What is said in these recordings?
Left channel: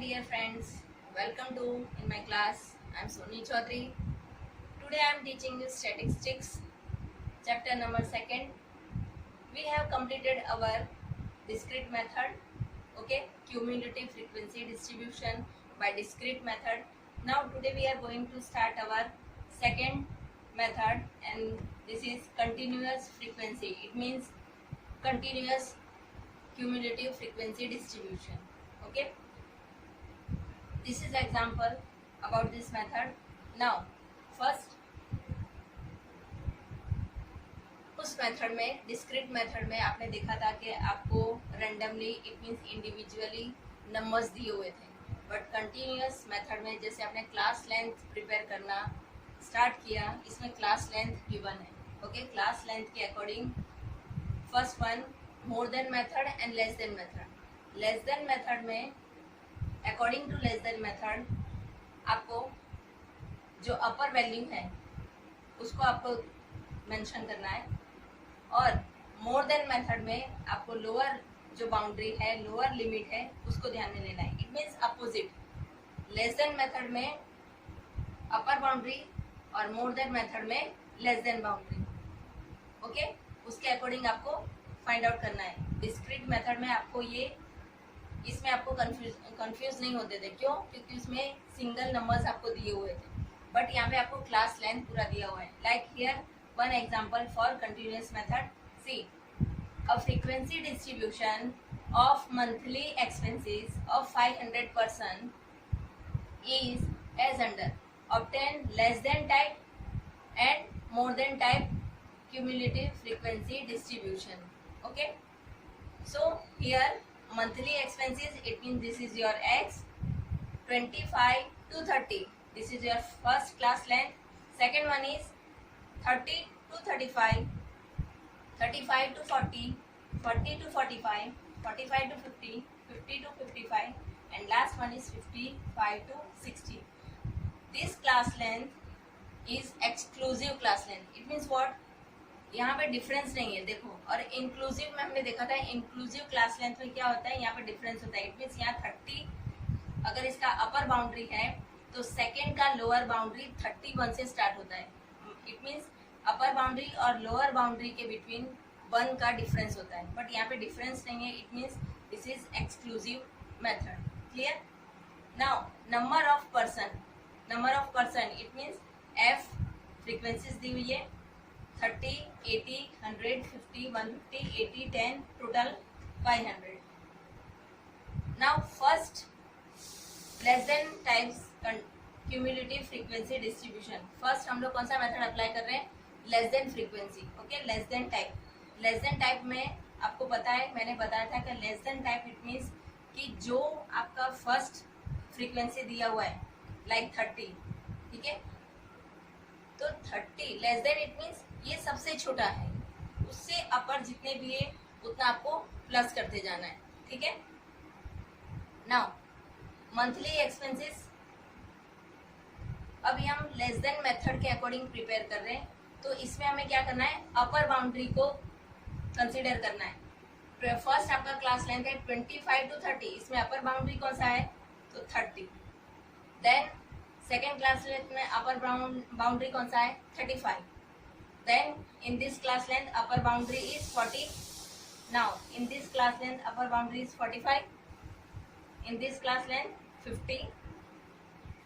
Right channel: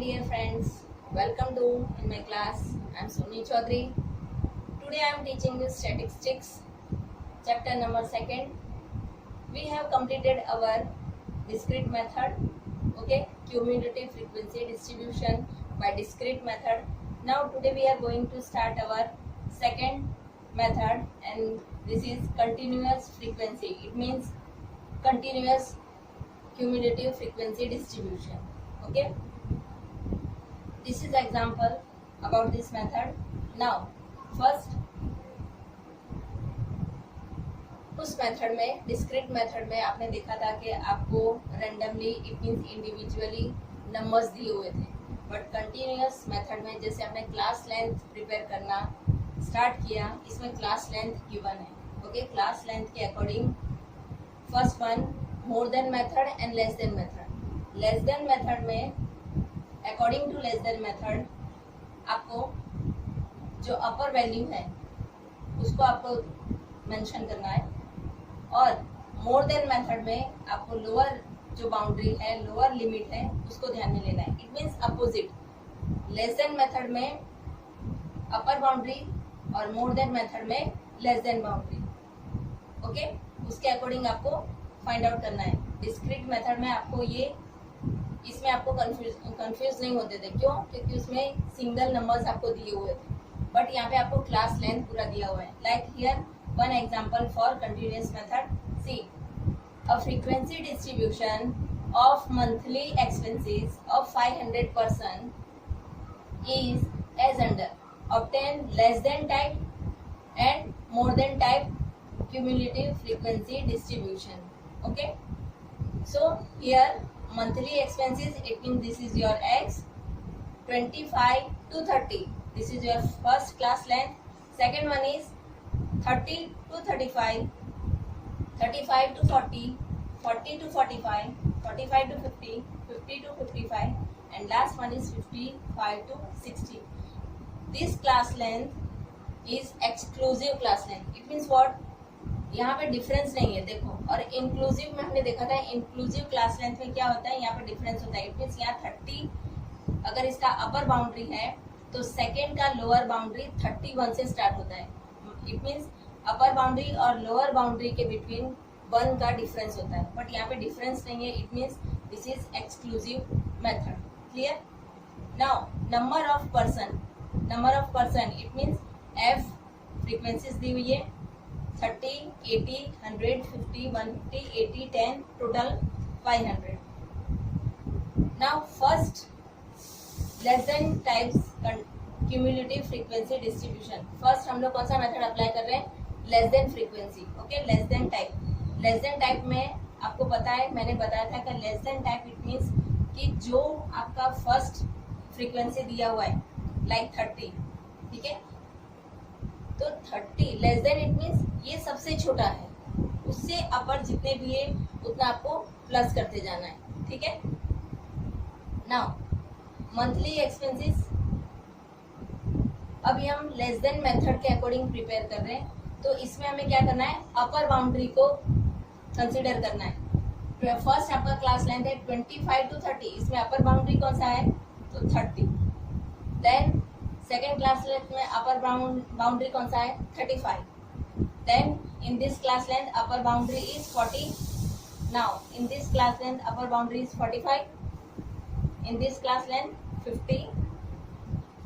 dear friends, welcome to in my class. I am Soni Chaudhary. Today I am teaching you statistics, chapter number 2nd. We have completed our discrete method, okay, cumulative frequency distribution by discrete method. Now today we are going to start our second method, and this is continuous frequency. It means continuous cumulative frequency distribution, okay. This is example about this method. Now first उस method में, discrete method में आपने देखा था कि आपको randomly, it means individually numbers दिए हुए थे, बट कंटिन्यूअस मेथड में जैसे आपने क्लास लेंथ प्रिपेयर करना स्टार्ट किया, इसमें क्लास लेंथ गिवन है, ओके. क्लास लेंथ के according first one more than method and less than method. Less than method में according to less than method आपको जो अपर वैल्यू है उसको आपको मेंशन करना है, और मोर देन मेथड में आपको लोअर जो बाउंड्री है, लोअर लिमिट है, उसको ध्यान में लेना है. It means opposite. Less than method में अपर बाउंड्री और मोर देन मेथड में लेस देन बाउंड्री, ओके. उसके अकॉर्डिंग आपको फाइंड आउट करना है. डिस्क्रीट मेथड में आपको ये, इसमें आपको कंफ्यूज नहीं होते थे. क्यों? क्योंकि उसमें सिंगल नंबर्स आपको दिए हुए थे, बट यहाँ पे आपको क्लास लेंथ पूरा दिया हुआ है. Like here one example for continuous method. See, a frequency distribution of monthly expenses of 500 person is as under. Obtain less than type and more than type cumulative frequency distribution. Okay, so here monthly expenses, it means this is your x. 25 to 30, this is your first class length. Second one is 30 to 35, 35 to 40, 40 to 45, 45 to 50, 50 to 55, and last one is 55 to 60. This class length is exclusive class length. It means what? यहाँ पे difference नहीं है, देखो. और inclusive में हमने देखा था, इंक्लूसिव क्लास लेंथ में क्या होता है, यहाँ पे डिफरेंस होता है. इट मीन्स यहाँ 30 अगर इसका अपर बाउंड्री है तो सेकेंड का लोअर बाउंड्री 31 से स्टार्ट होता है. इट मीन्स अपर बाउंड्री और लोअर बाउंड्री के बिटवीन 1 का डिफरेंस होता है, बट यहाँ पे डिफरेंस नहीं है. It means this is exclusive method. Clear? Now number of person, number of person, it means F frequencies दी हुई है 30, 80, 100, 50, 150, 80, 10, total 500. Now first less than types cumulative frequency distribution. First हम लोग कौन सा मेथड अप्लाई कर रहे हैं? Less than frequency, okay. Less than type. Less than type में आपको पता है, मैंने बताया था कि less than type it means कि जो आपका फर्स्ट फ्रीक्वेंसी दिया हुआ है, लाइक 30, ठीक है, तो 30 लेस देन इट मीन्स ये सबसे छोटा है, उससे अपर जितने भी है उतना आपको प्लस करते जाना है, ठीक है. नाउ मंथली एक्सपेंसेस, अभी हम लेस देन मेथड के अकॉर्डिंग प्रिपेयर कर रहे हैं, तो इसमें हमें क्या करना है, अपर बाउंड्री को कंसीडर करना है. फर्स्ट आपका क्लास लेंथ है 25 टू 30, इसमें अपर बाउंड्री कौन सा है, तो 30. देन सेकेंड क्लास लेंथ में अपर बाउंड्री कौन सा है, 35. Then in this class length upper boundary is 40. Now in this class length upper boundary is 45. In this class length 50,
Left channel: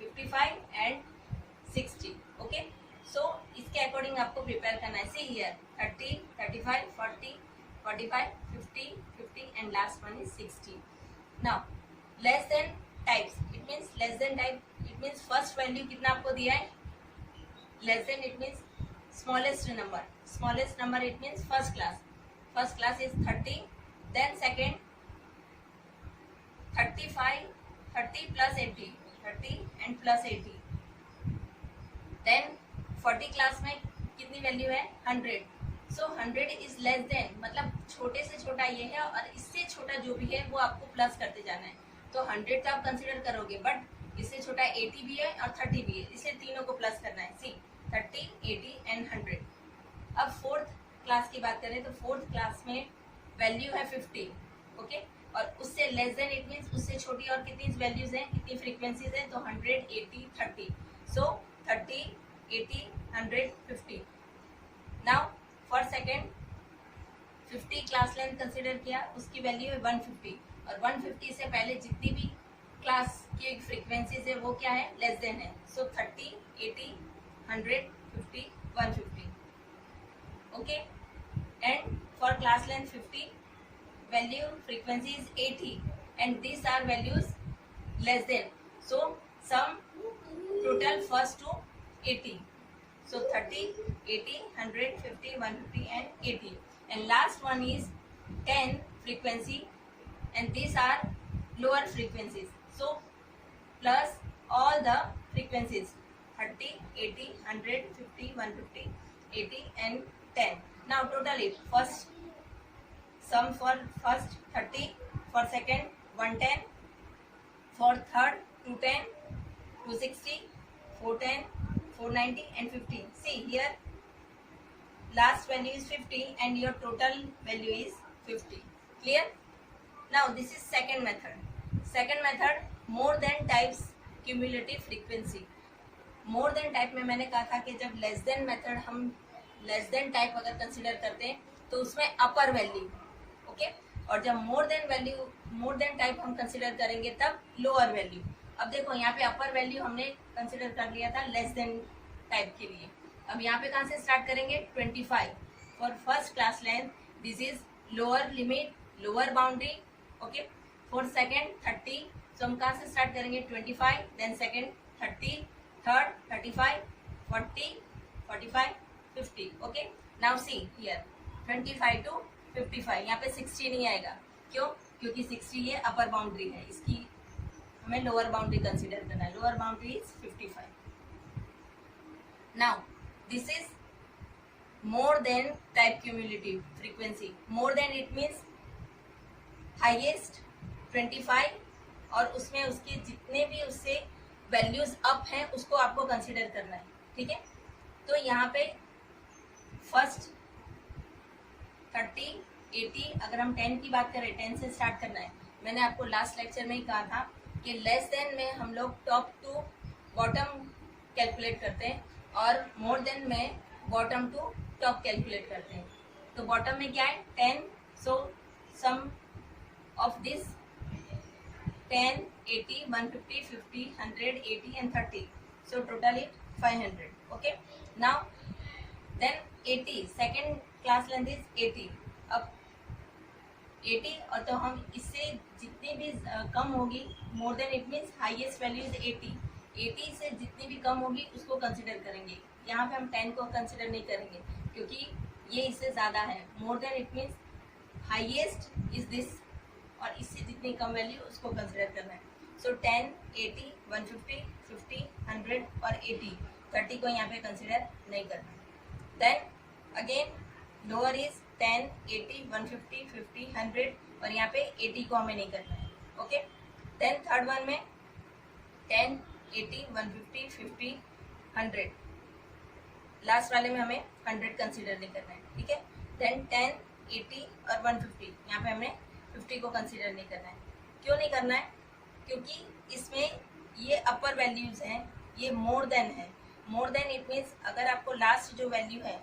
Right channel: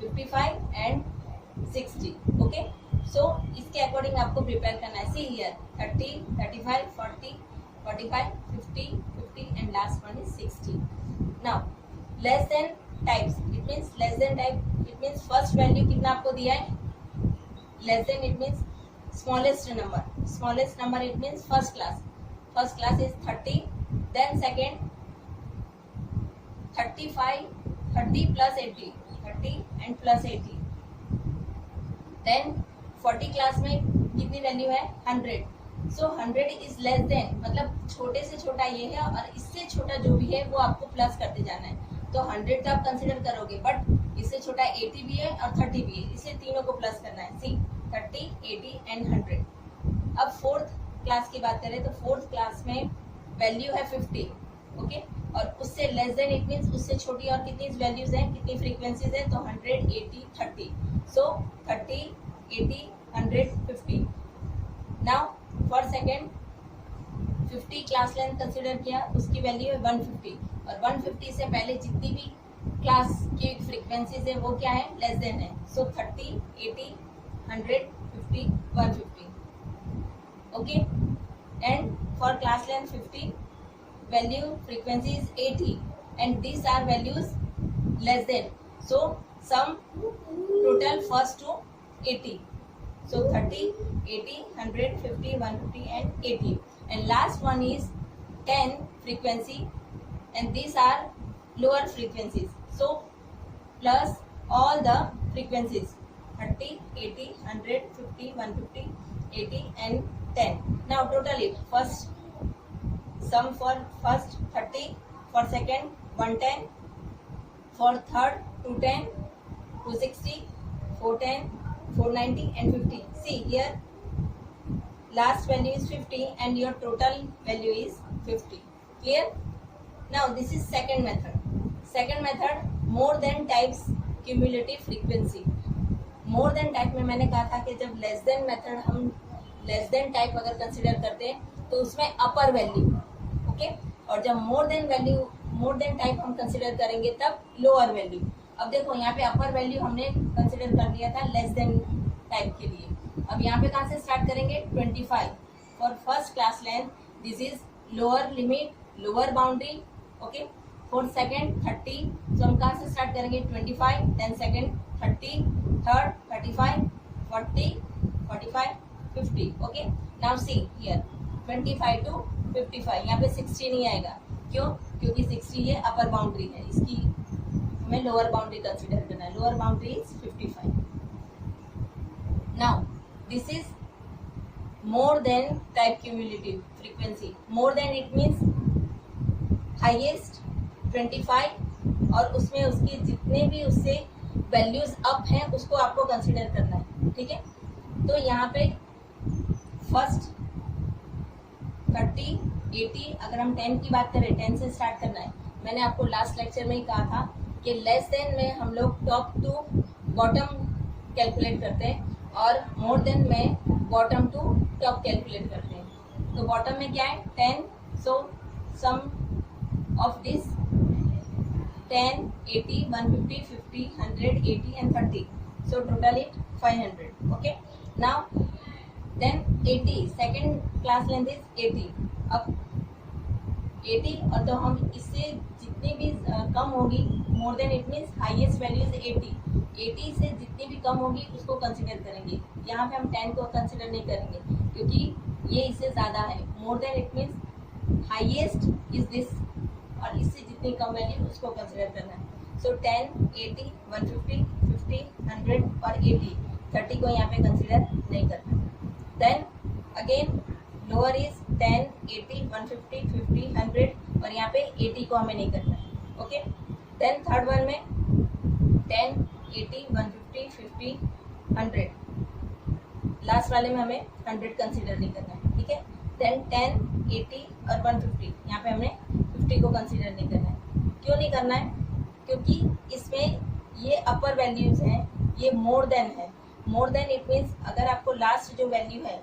55 and 60, okay. So इसके अकॉर्डिंग आपको प्रिपेयर करना है. See here 30, 35, 40, 45, 50, 50 and last one is 60. Now less than types, it means less than type, it means first value कितना आपको दिया है, less then it means smallest number. Smallest number it means first class. First class is 30. Then second 35, 30 plus 80, 30 and plus 80. Then 40 class में कितनी value है, 100. सो 100 is less than, मतलब छोटे से छोटा ये है, और इससे छोटा जो भी है वो आपको प्लस करते जाना है. तो 100 तो आप कंसिडर करोगे, बट इससे छोटा 80 भी है और 30 भी है, इसलिए तीनों को प्लस करना है. सी 30, 80 एंड 100. अब फोर्थ क्लास की बात करें तो फोर्थ क्लास में वैल्यू है 50, ओके. और उससे लेस देन इट मीन्स उससे छोटी और कितनी वैल्यूज हैं, कितनी फ्रीक्वेंसीज हैं, तो 100, 80, 30. सो 30, 80, 100, 50. Now for second 50 class length consider किया, उसकी वैल्यू है 150 और 150 से पहले जितनी भी क्लास की फ्रीक्वेंसीज है वो क्या है, लेस देन है. सो 30, 80, 100, 50, 150. Okay, and for class length 50 value frequency is 80 and these are values less than, so sum total first to 80. So 30, 80, 100, 50, 150 and 80, and last one is 10 frequency and these are lower frequencies, so plus all the frequencies 30, 80, 100, 50, 150, 80 and 10. Now total it, first sum for first 30, for second 110, for third 210, 260, 410, 490 and 50. See here last value is 50 and your total value is 50. Clear? Now this is second method. Second method, more than types cumulative frequency. more than type में मैंने कहा था कि जब less than method हम less than type अगर consider करते हैं तो उसमें अपर वैल्यू, ओके, और जब मोर देन टाइप हम कंसिडर करेंगे तब लोअर वैल्यू. अब देखो यहाँ पे अपर वैल्यू हमने कंसिडर कर लिया था लेस देन टाइप के लिए. अब यहाँ पे कहाँ से स्टार्ट करेंगे, 25 for first class length, this is lower limit, lower boundary. Okay, for second 30, तो हम कहाँ से स्टार्ट करेंगे, 25, then second 30, third 35, 40, 45, 50. Okay, now see here 25 to 55, यहाँ पे 60 नहीं आएगा. क्यों? क्योंकि 60 ये अपर बाउंड्री है, इसकी हमें लोअर बाउंड्री कंसीडर करना है. Lower boundary is 55. Now this is more than type cumulative frequency. More than it means highest 25 और उसमें उसके जितने भी उससे वैल्यूज अप हैं उसको आपको कंसीडर करना है. ठीक है, तो यहाँ पे फर्स्ट 30, 80, अगर हम 10 की बात करें 10 से स्टार्ट करना है. मैंने आपको लास्ट लेक्चर में ही कहा था कि लेस देन में हम लोग टॉप टू बॉटम कैलकुलेट करते हैं और मोर देन में बॉटम टू टॉप कैलकुलेट करते हैं. तो बॉटम में क्या है, 10, सो सम of this 10, 80, 150, 50, 100, 80 and 30. So total it 500. Okay. Now then 80, second class length is 80. अब 80 और तो हम इससे जितनी भी कम होगी, मोर than it means highest value is 80. 80 से जितनी भी कम होगी उसको कंसिडर करेंगे. यहाँ पे हम 10 को कंसिडर नहीं करेंगे क्योंकि ये इससे ज़्यादा है. मोर than it means highest is this और इससे जितनी कम वैल्यू उसको कंसिडर करना है. सो 10, 80, 150, 50, 100 और 80. 30 को यहाँ पे कंसिडर नहीं करना. देन अगेन लोअर इज 10, 80, 150, 50, 100 और यहाँ पे 80 को हमें नहीं करना है. ओके, देन थर्ड वन में 10, 80, 150, 50, 100. लास्ट वाले में हमें 100 कंसिडर नहीं करना है. ठीक है, देन 10, 80 और 150, यहाँ पे हमें 50 को कंसिडर नहीं करना है. क्यों नहीं करना है? क्योंकि इसमें ये अपर वैल्यूज हैं, ये मोर देन है. मोर देन इट मीन्स अगर आपको लास्ट जो वैल्यू है,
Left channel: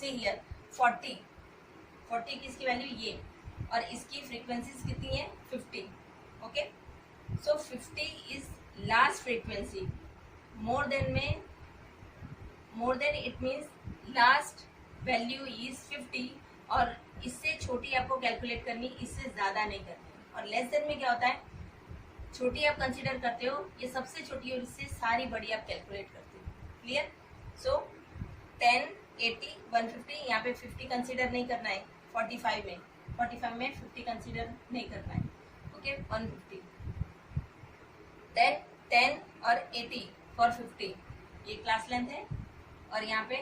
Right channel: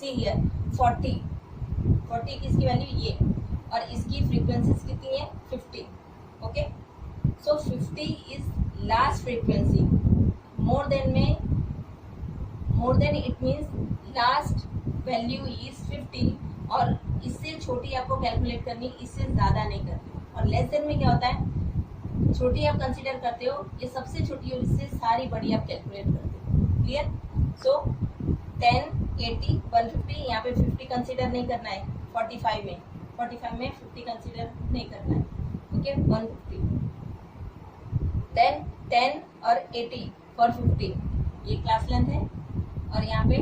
सी हियर 40 की इसकी वैल्यू ये और इसकी फ्रीक्वेंसीज कितनी है, 50. Okay, so 50 is last frequency. More than में, more than it means last value is 50 और इससे छोटी आपको कैलकुलेट करनी, इससे ज़्यादा नहीं करनी. और लेस देन में क्या होता है, छोटी आप कंसीडर करते हो, ये सबसे छोटी और इससे सारी बड़ी आप कैलकुलेट करते हो. क्लियर? सो 10, 80, 150, यहाँ पे 50 कंसीडर नहीं करना है. 45 में 50 कंसीडर नहीं करना है. ओके, 150. देन 10 और 80 फॉर 50, ये क्लास लेंथ है और यहाँ पे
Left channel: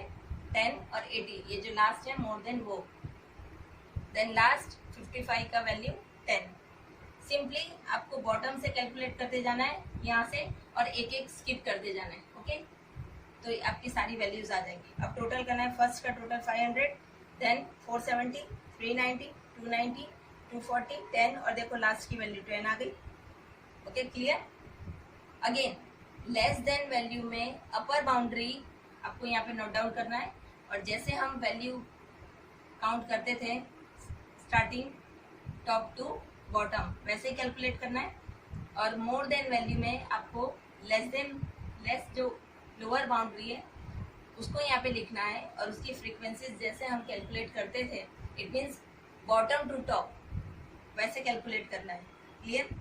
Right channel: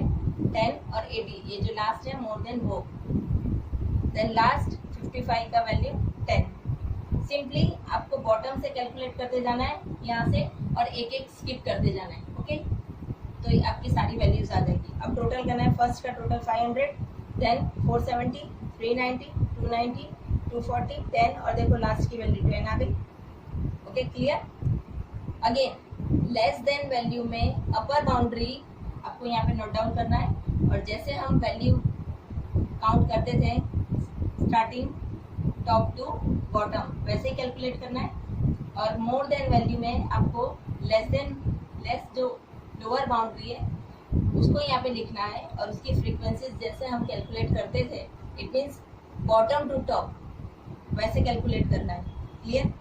10 और 80 ये जो लास्ट है मोर देन वो. देन लास्ट 55 का वैल्यू 10. सिंपली आपको बॉटम से कैलकुलेट करते जाना है यहाँ से और एक एक स्किप करते जाना है. ओके, तो आपकी सारी वैल्यूज आ जाएगी. अब टोटल करना है. फर्स्ट का टोटल 500, देन 470, 390, 290, 240, 10 और देखो लास्ट की वैल्यू 10 आ गई। Okay clear. Again less than value में अपर बाउंड्री आपको यहाँ पे नोट डाउन करना है, और जैसे हम वैल्यू काउंट करते थे स्टार्टिंग टॉप टू बॉटम वैसे ही कैलकुलेट करना है। और मोर देन वैल्यू में आपको लेस जो लोअर बाउंड्री है उसको यहाँ पे लिखना है, और उसकी फ्रीक्वेंसीज जैसे हम कैलकुलेट करते थे it means bottom to top वैसे कैलकुलेट करना है। क्लियर।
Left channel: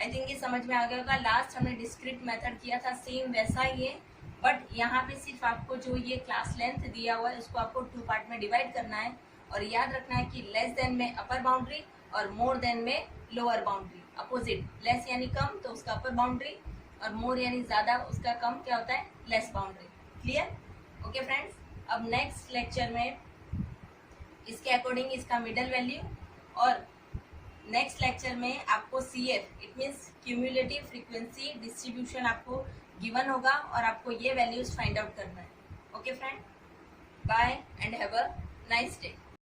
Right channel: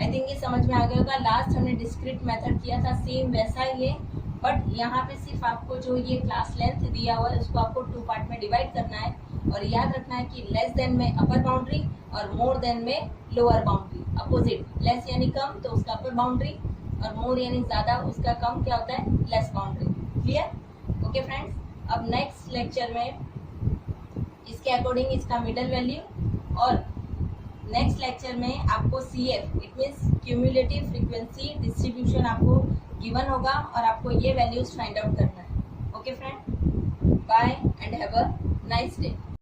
आई थिंक ये समझ में आ गया होगा। लास्ट हमने डिस्क्रीट मेथड किया था सेम वैसा ही है, बट यहाँ पे सिर्फ आपको जो ये क्लास लेंथ दिया हुआ है उसको आपको 2 पार्ट में डिवाइड करना है, और याद रखना है कि लेस देन में अपर बाउंड्री और मोर देन में लोअर बाउंड्री। अपोजिट, लेस यानी कम तो उसका अपर बाउंड्री, और मोर यानी ज्यादा उसका कम क्या होता है, less boundary. Clear. Okay friends, अब नेक्स्ट लेक्चर में इसके अकॉर्डिंग इसका मिडल वैल्यू, और नेक्स्ट लेक्चर में आपको CF it means cumulative frequency distribution आपको गिवन होगा, और आपको ये वैल्यूज फाइंड आउट करना है। Okay friend, bye and have a nice day.